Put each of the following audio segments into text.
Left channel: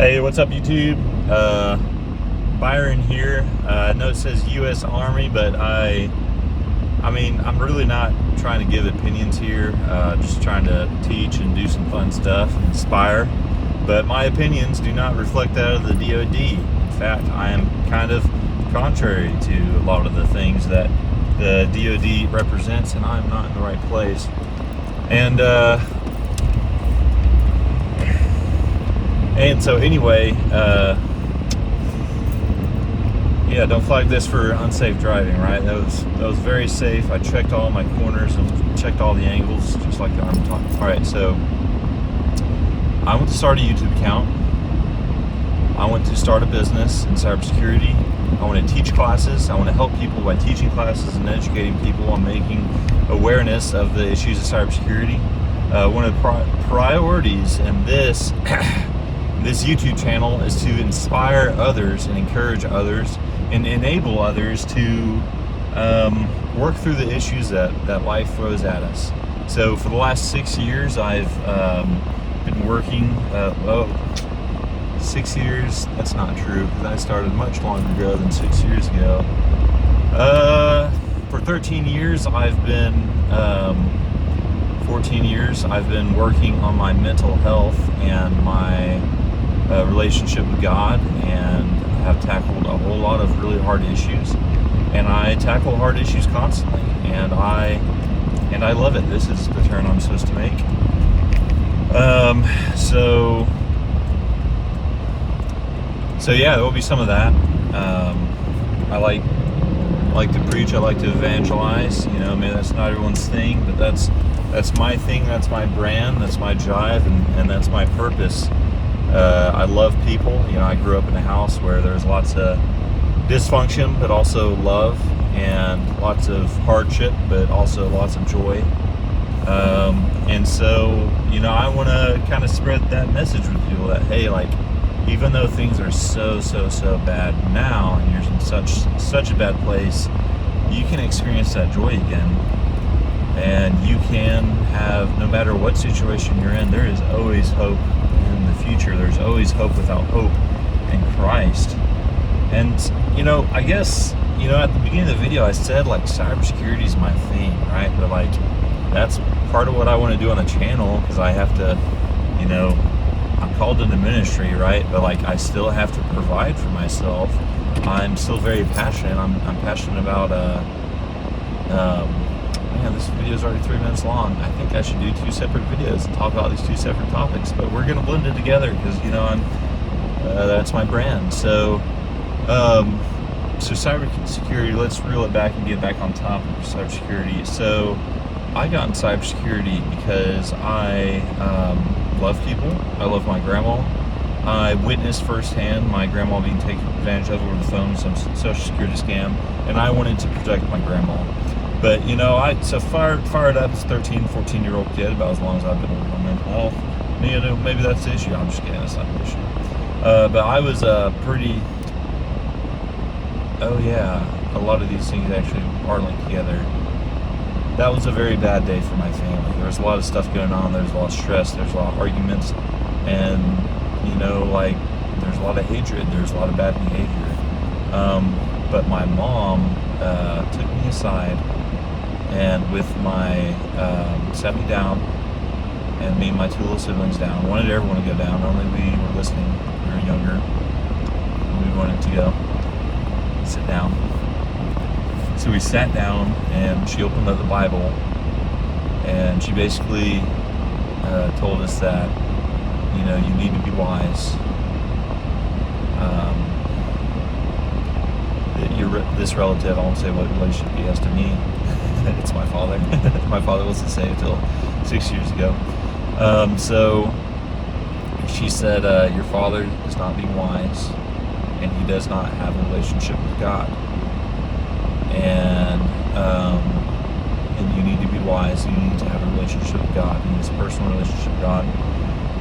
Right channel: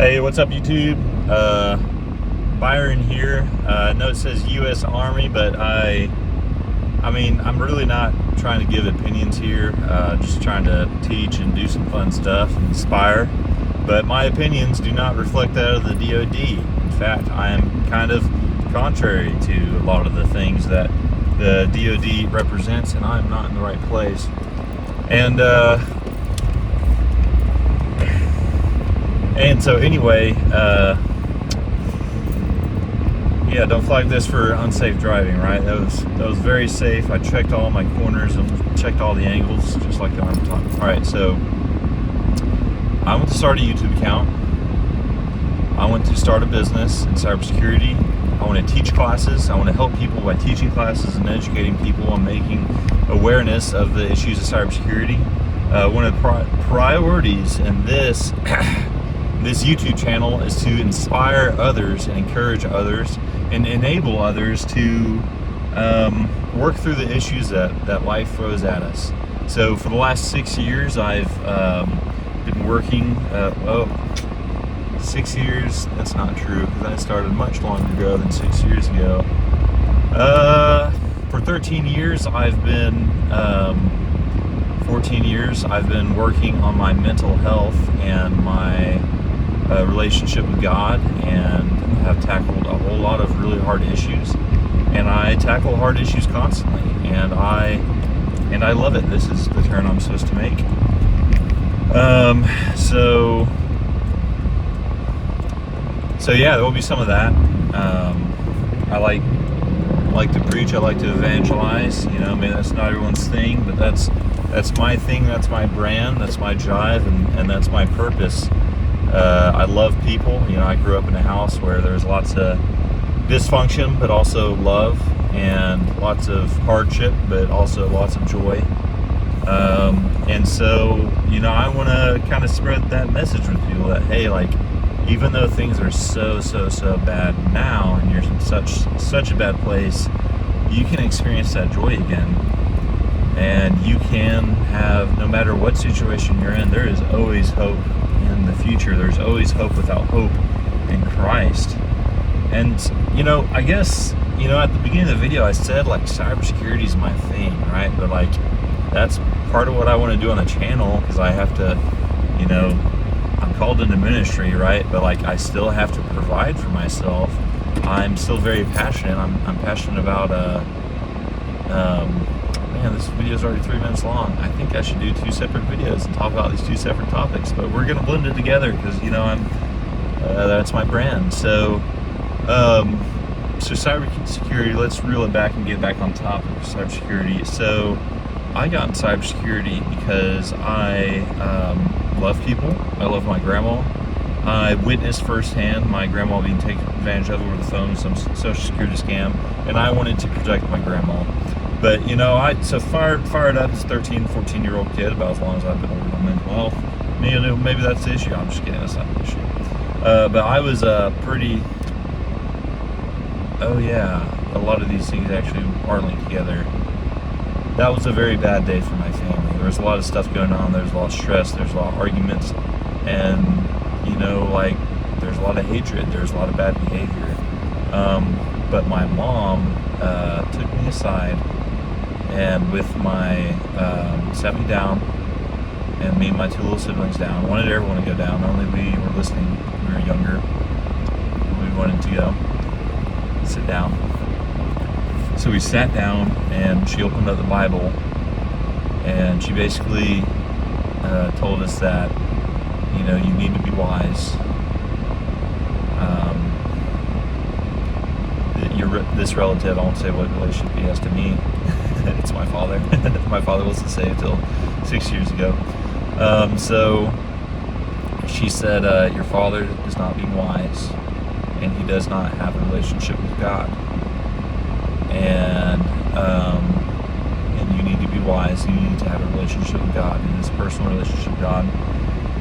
Hey, what's up, YouTube? Byron here. I know it says U.S. Army, but I mean, I'm really not trying to give opinions here. Just trying to teach and do some fun stuff and inspire. But my opinions do not reflect that of the DoD. In fact, I am kind of contrary to a lot of the things that the DoD represents, and I'm not in the right place. And so anyway, yeah, don't flag this for unsafe driving, right? That was very safe. I checked all my corners and checked all the angles, just like the Army taught. All right, so I want to start a YouTube account. I want to start a business in cybersecurity. I want to teach classes. I want to help people by teaching classes and educating people on making awareness of the issues of cybersecurity. One of the priorities in this this YouTube channel is to inspire others and encourage others and enable others to work through the issues that life throws at us. So for the last 6 years, I've been working, 6 years, that's not true, because I started much longer ago than 6 years ago. For 13 years, 14 years, I've been working on my mental health and my relationship with God, and have tackled a whole lot of really hard issues. And I tackle hard issues constantly, and I love it. This is the turn I'm supposed to make. So yeah, there will be some of that. I like to preach. I like to evangelize. You know, I mean, that's not everyone's thing, but that's my thing. That's my brand. That's my jive, and that's my purpose. I love people. You know, I grew up in a house where there's lots of dysfunction, but also love, and lots of hardship, but also lots of joy. And so, you know, I want to kind of spread that message with people that, hey, like, even though things are so bad now, and you're in such a bad place, you can experience that joy again. And you can have, no matter what situation you're in, there is always hope in the future. There's always hope without hope in Christ. And, you know, I guess, you know, at the beginning of the video, I said, like, cybersecurity is my thing, right? But, like, that's part of what I want to do on the channel, because I have to, you know, I'm called into ministry, right? But, like, I still have to provide for myself. I'm still very passionate. I'm passionate about, man, this video is already 3 minutes long. I think I should do 2 separate videos and talk about these 2 separate topics, but we're gonna blend it together because, you know, that's my brand. So cybersecurity, let's reel it back and get back on topic of cybersecurity. So I got in cybersecurity because I love people. I love my grandma. I witnessed firsthand my grandma being taken advantage of over the phone, some social security scam, and I wanted to protect my grandma. But, you know, fired up as a 13, 14-year-old kid, about as long as I've been working on mental health. You know, maybe that's the issue. I'm just kidding, that's not the issue. But I was pretty, oh yeah, a lot of these things actually are linked together. That was a very bad day for my family. There was a lot of stuff going on. There was a lot of stress. There's a lot of arguments. And, you know, like, there's a lot of hatred. There's a lot of bad behavior. But my mom took me aside, and sat me down, and me and my 2 little siblings down. Wanted everyone to go down, only we were listening. We were younger, and we wanted to go sit down. So we sat down, and she opened up the Bible, and she basically told us that, you know, you need to be wise. This relative, I won't say what relationship he has to me. It's my father. My father wasn't saved till 6 years ago. So she said, your father is not being wise, and he does not have a relationship with God. And you need to be wise. You need to have a relationship with God, and this personal relationship with God.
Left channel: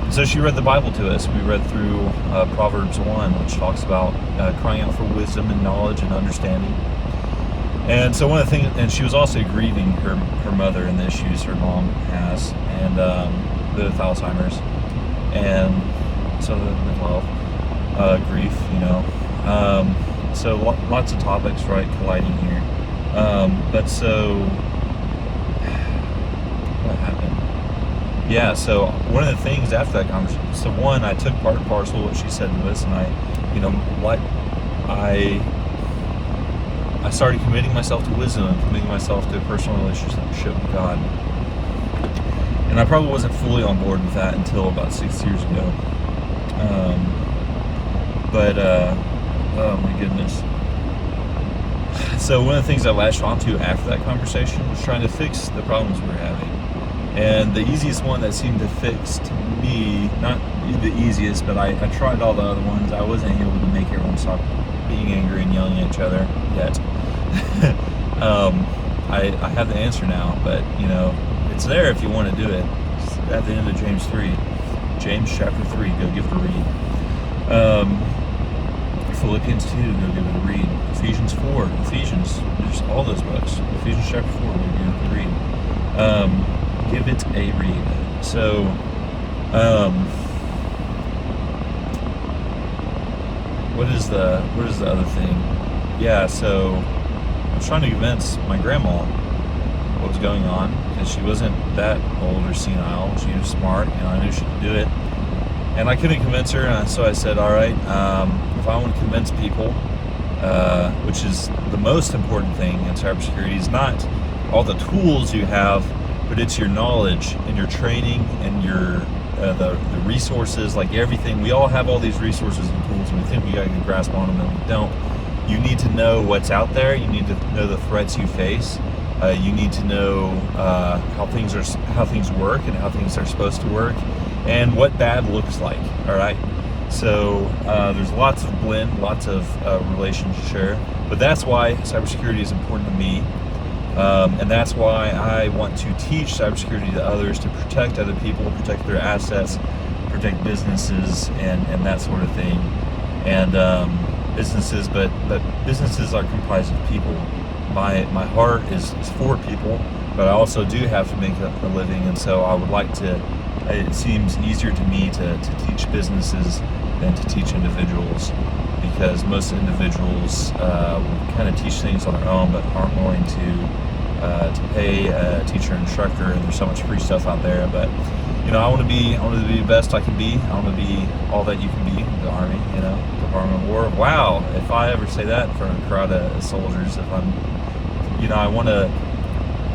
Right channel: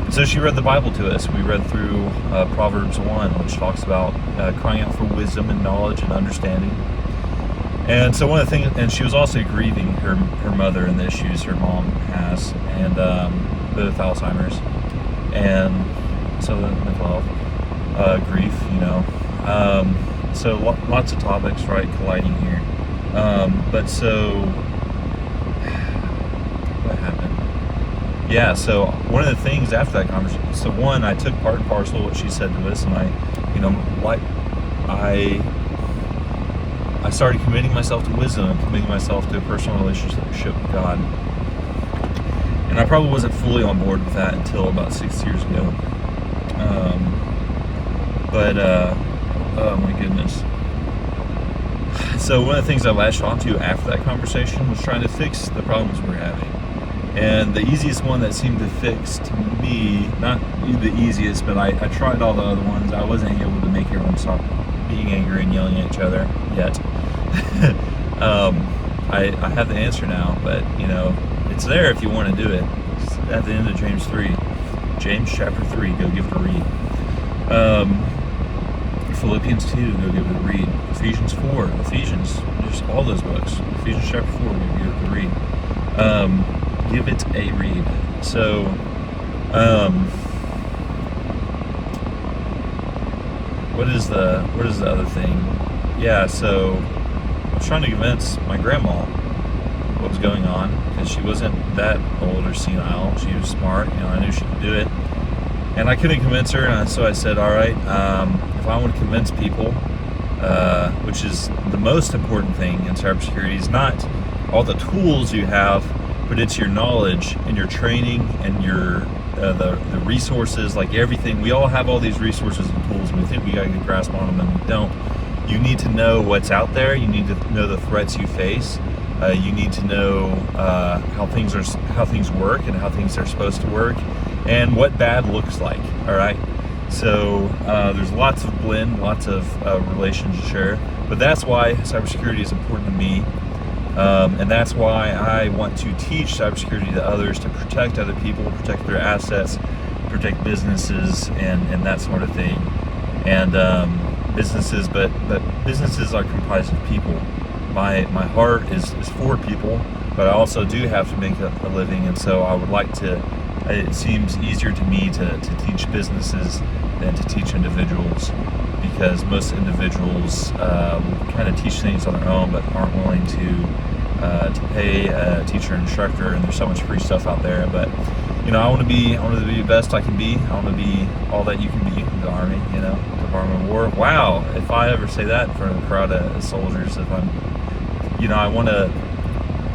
And so she read the Bible to us. We read through Proverbs 1, which talks about crying out for wisdom and knowledge and understanding. And so one of the things, and she was also grieving her mother and the issues her mom has, and with Alzheimer's. And so the mental health, grief, so lots of topics, right, colliding here. But so what happened? Yeah, so one of the things after that conversation, so one, I took part and parcel what she said to us, and I started committing myself to wisdom and committing myself to a personal relationship with God. And I probably wasn't fully on board with that until about 6 years ago. Oh my goodness. So one of the things I latched onto after that conversation was trying to fix the problems we're having. And the easiest one that seemed to fix to me, not the easiest, but I tried all the other ones. I wasn't able to make everyone stop being angry and yelling at each other yet. I have the answer now, but it's there if you want to do it. It's at the end of James chapter 3, go give it a read. Philippians 2, go give it a read. Ephesians 4, just all those books. Ephesians chapter 4, go give it a read. Give it a read. So, what is the other thing? Yeah, so I was trying to convince my grandma what was going on, because she wasn't that old or senile. She was smart, I knew she could do it. And I couldn't convince her, and so I said, all right, if I want to convince people, which is the most important thing in cybersecurity, is not all the tools you have, but it's your knowledge and your training and your the resources, like everything. We all have all these resources and tools, and we think we got a good grasp on them, and we don't. You need to know what's out there. You need to know the threats you face. You need to know how things work and how things are supposed to work, and what bad looks like. All right. So there's lots of blend, lots of relations to share, but that's why cybersecurity is important to me. And that's why I want to teach cybersecurity to others, to protect other people, protect their assets, protect businesses, and that sort of thing. And businesses, but businesses are comprised of people. My heart is for people, but I also do have to make a living, and so I would like to. It seems easier to me to teach businesses than to teach individuals, because most individuals will kind of teach things on their own, but aren't willing to pay a teacher and instructor, and there's so much free stuff out there. But I want to be the best I can be. I want to be all that you can be in the Army, Department of War. Wow, if I ever say that in front of a crowd of soldiers, if I'm, I want to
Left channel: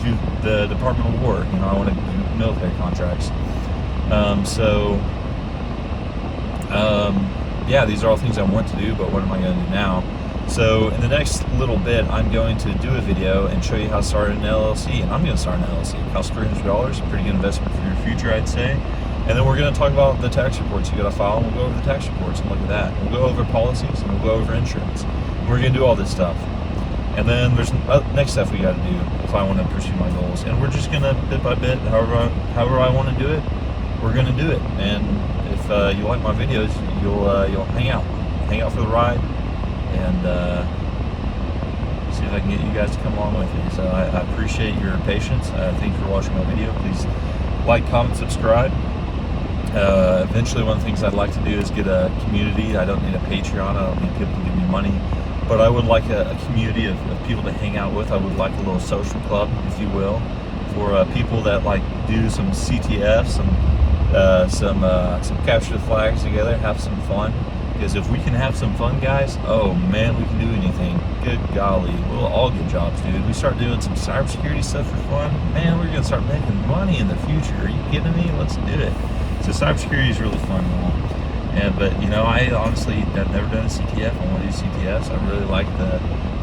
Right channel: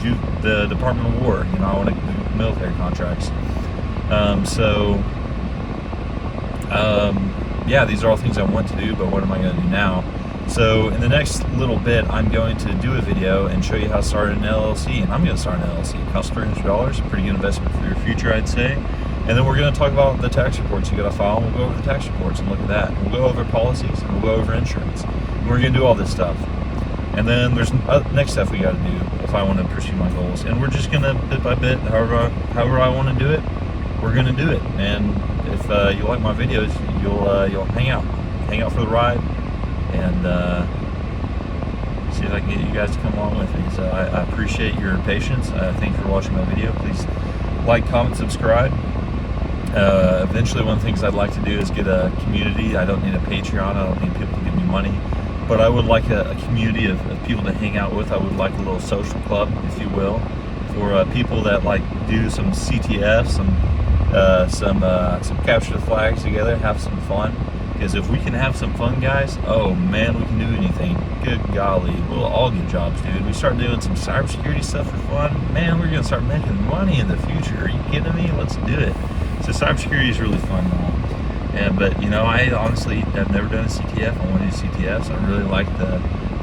do the Department of War. I want to do military contracts. Yeah, these are all things I want to do, but what am I going to do now? So in the next little bit, I'm going to do a video and show you how to start an LLC, and I'm going to start an LLC. It costs $300, a pretty good investment for your future, I'd say. And then we're going to talk about the tax reports you got to file, and we'll go over the tax reports and look at that. And we'll go over policies, and we'll go over insurance. And we're going to do all this stuff. And then there's next stuff we got to do if I want to pursue my goals. And we're just going to, bit by bit, however I want to do it, we're going to do it. And if you like my videos, you'll hang out for the ride, and see if I can get you guys to come along with me. So I appreciate your patience. Thanks for watching my video. Please like, comment, subscribe. Eventually, one of the things I'd like to do is get a community. I don't need a Patreon. I don't need people to give me money, but I would like a community of people to hang out with. I would like a little social club, if you will, for people that do some CTF, some capture the flags together, have some fun. Because if we can have some fun, guys, oh man, we can do anything. Good golly, we'll all get jobs, dude. We start doing some cybersecurity stuff for fun, man, we're gonna start making money in the future. Are you kidding me? Let's do it. So cybersecurity is really fun and all. But I honestly, I've never done a CTF. I want to do CTFs. I really like the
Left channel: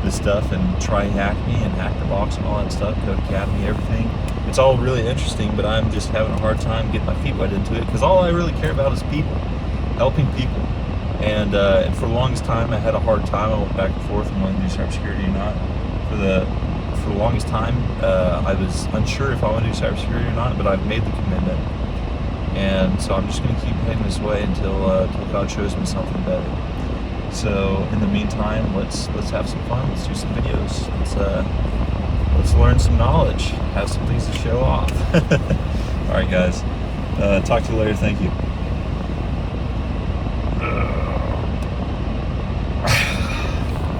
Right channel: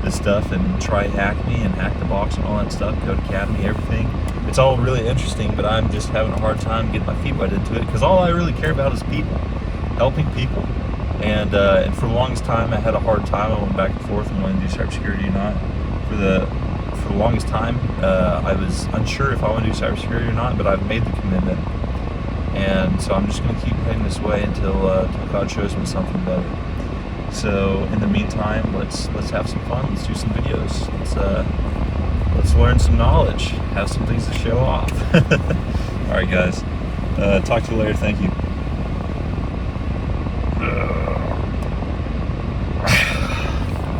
stuff, and try Hack Me and Hack the Box and all that stuff, Code Academy, everything. It's all really interesting, but I'm just having a hard time getting my feet wet into it, because all I really care about is people, helping people. And for the longest time, I had a hard time. I went back and forth and wanted to do cybersecurity or not. For the longest time, I was unsure if I want to do cybersecurity or not, but I've made the commitment. And so I'm just going to keep heading this way until God shows me something better. So in the meantime, let's have some fun. Let's do some videos. Let's learn some knowledge. Have some things to show off. All right, guys. Talk to you later. Thank you.